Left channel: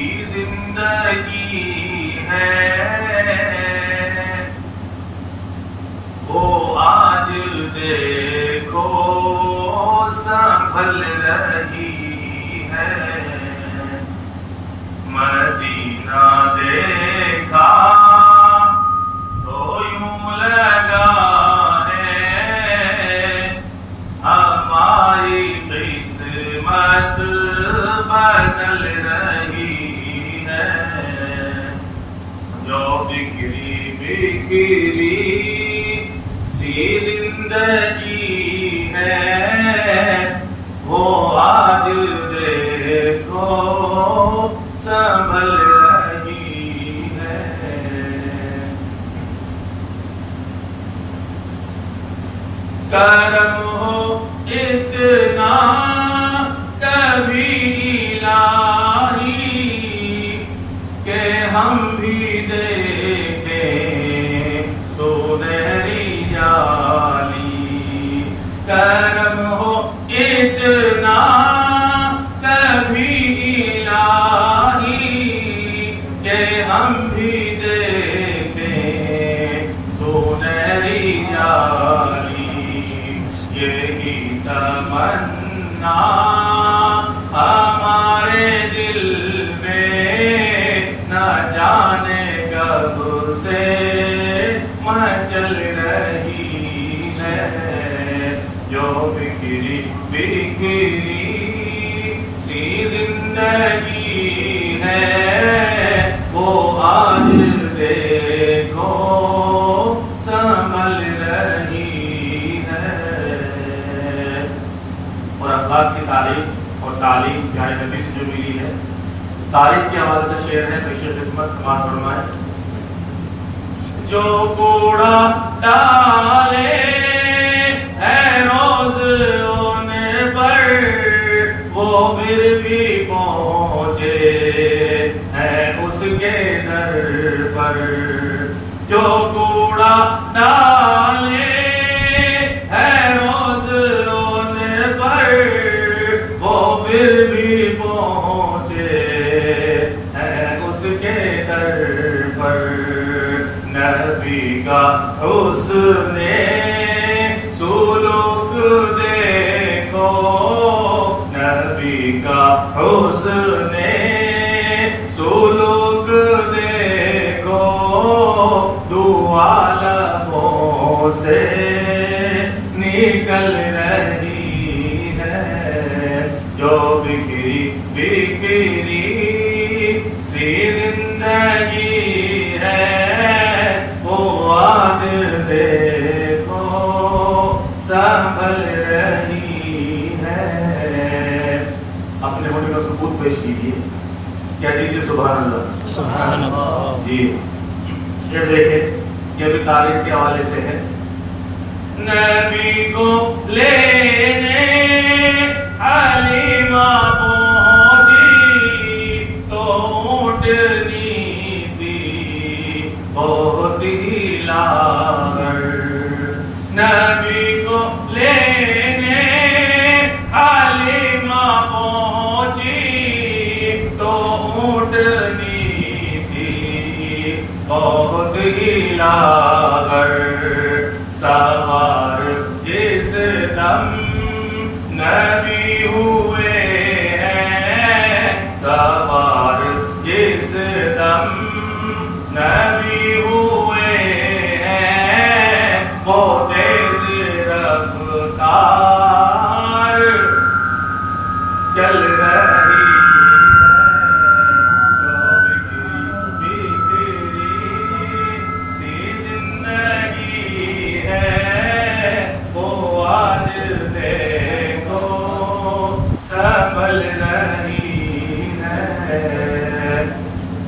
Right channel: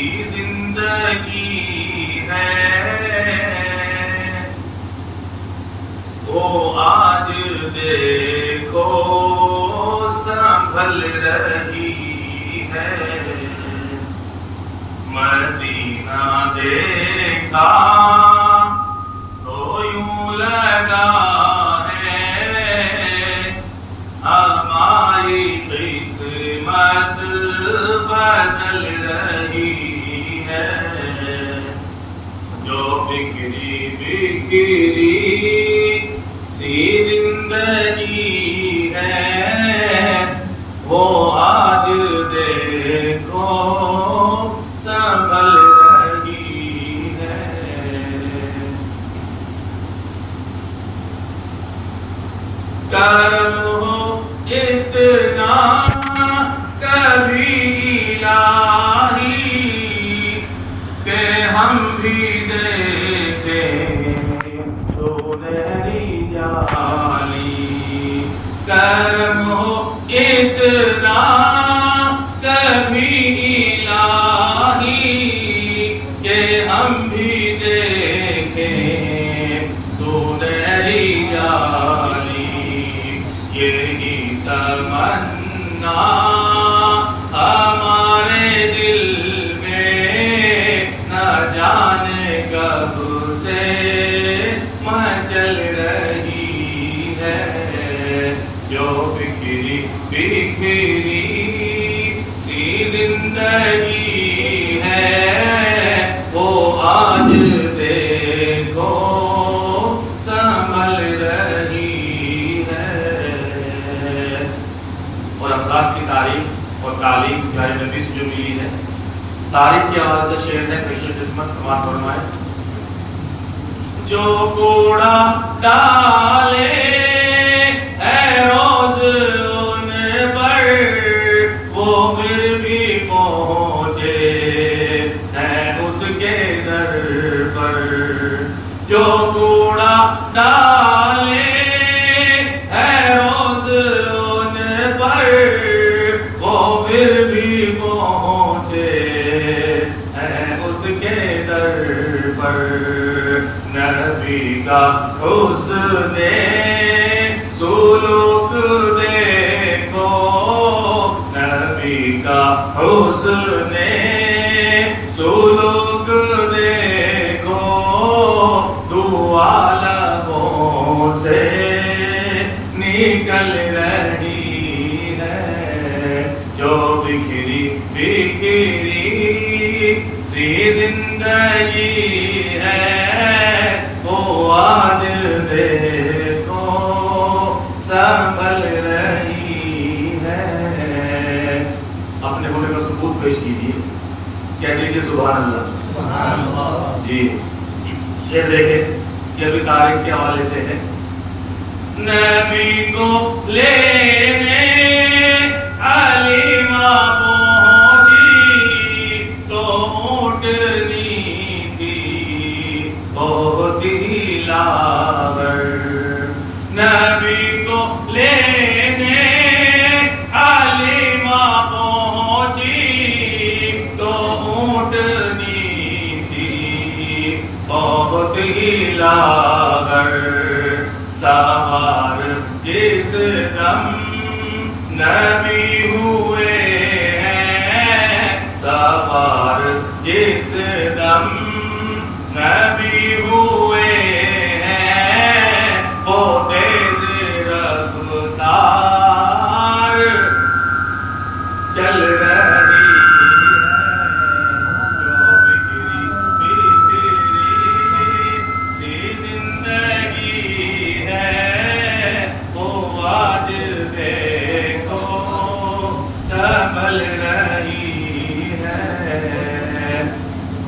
सी जिंदगी है वो आज देखो संभल रही है। मदीना देखा तो यूं लगा है हमारी किस्मत बदल रही है। जो बिखरी बिखरी सी जिंदगी है वो आज देखो संभल रही है। करम हो इतना कभी इलाही के हम भी देखें सुनहरी जाली। करम हो इतना कभी इलाही के हम भी देखें सुनहरी जाली। यही तमन्ना हमारे दिल में न जाने कब से मचल रही है। जो बिखरी बिखरी सी जिंदगी है वो आज देखो संभल रही है। और अखलाक की तारीफ और तालीम प्यारे नबी से जो मिली है, तारीफ के हवाले से शेर है, पेश खिदमत समाअत फरमाए। जो कूड़ा डाले है रोज उन पर वो फिर भी पहुंचे हैं उसके दर पर। जो कूड़ा डाले है रोज उन पर वो फिर भी पहुंचे हैं उसके दर पर। नबी का हुस्ने सुलूक देखो, नबी का हुस्ने सुलूक देखो, दुआ लबों से निकल रही है। जो बिखरी बिखरी सी जिंदगी आज देखो संभल रही है। अपने होने का सबूत पेश कीजिए, क्या दीजिए सुभान अल्लाह। सुभान अल्लाह जी। शेर देखें, यह भी तारीफ के हवाले से है। नबी को लेने हलीमा पहुंची तो ऊँटनी बहुत ही लावर। नबी को लेने हलीमा पहुंची तो ऊँटनी थी बहुत ही लावर। सवार जिस दम नबी हुए हैं, सवार जिस दम नबी हुए हैं वो तेज रफ्तार चल रही है। जो बिखरी बिखरी सी जिंदगी है वो आज देखो संभल रही है।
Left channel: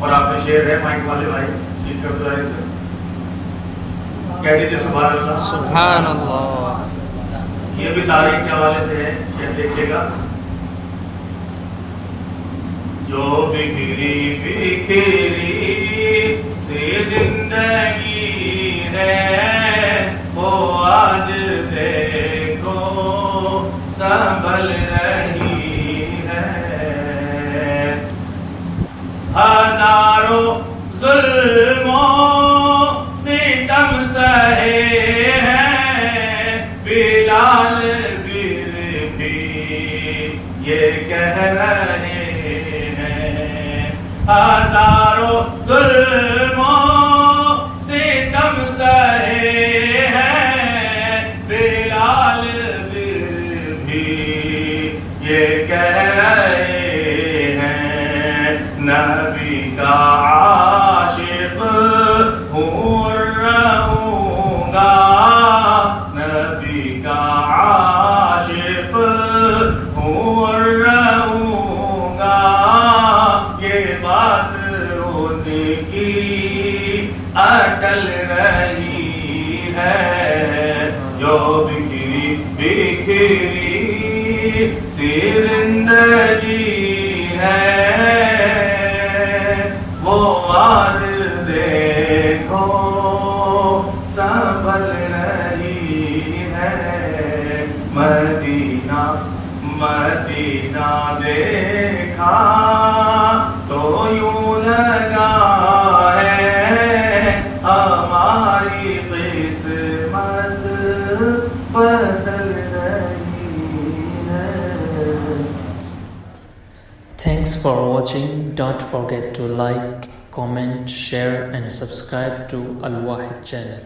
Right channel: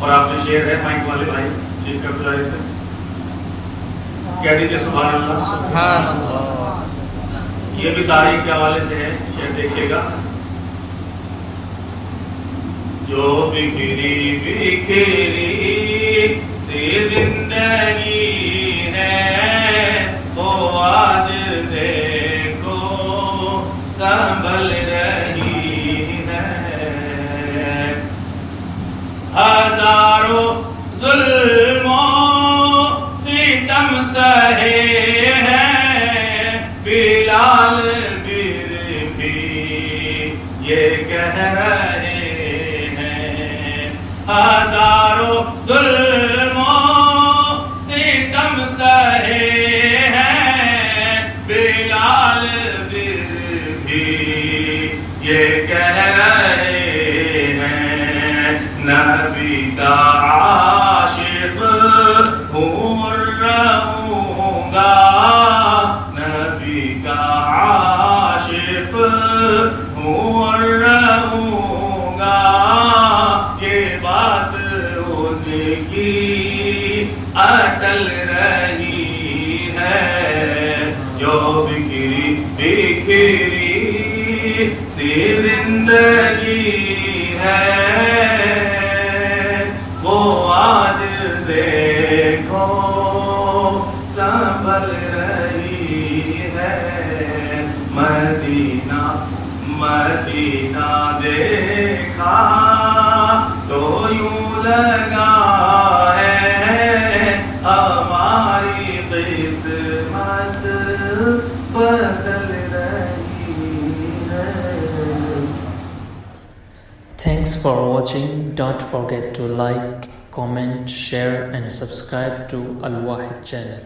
और आपने शेर है माइक वाले भाई, ठीक कर दो ऐसे, कह दीजिए सुभान अल्लाह। सुभान अल्लाह। ये भी तारीख के हवाले से है, शेर देखिएगा। जो बिखरी बिखरी सी जिंदगी है वो आज देखो संभल रही है। ये कह रहे हैं। हजारों जुल्मों सितम सहे हैं बिलाल, फिर भी ये कह रहे हैं नबी का आशिक हूँ रहूँगा, नबी का आशिक हूँ रहूँगा। ये बात उनकी अटल रही है, जो बिखरी बिखरी सी जिंदगी है, वो आज देखो संभल रही है। मदीना मदीना देखा तो यूं लगा है हमारी किस्मत बदल रही है। Thanks for watching. Don't forget to like, comment, share and subscribe to Al Wahid channel.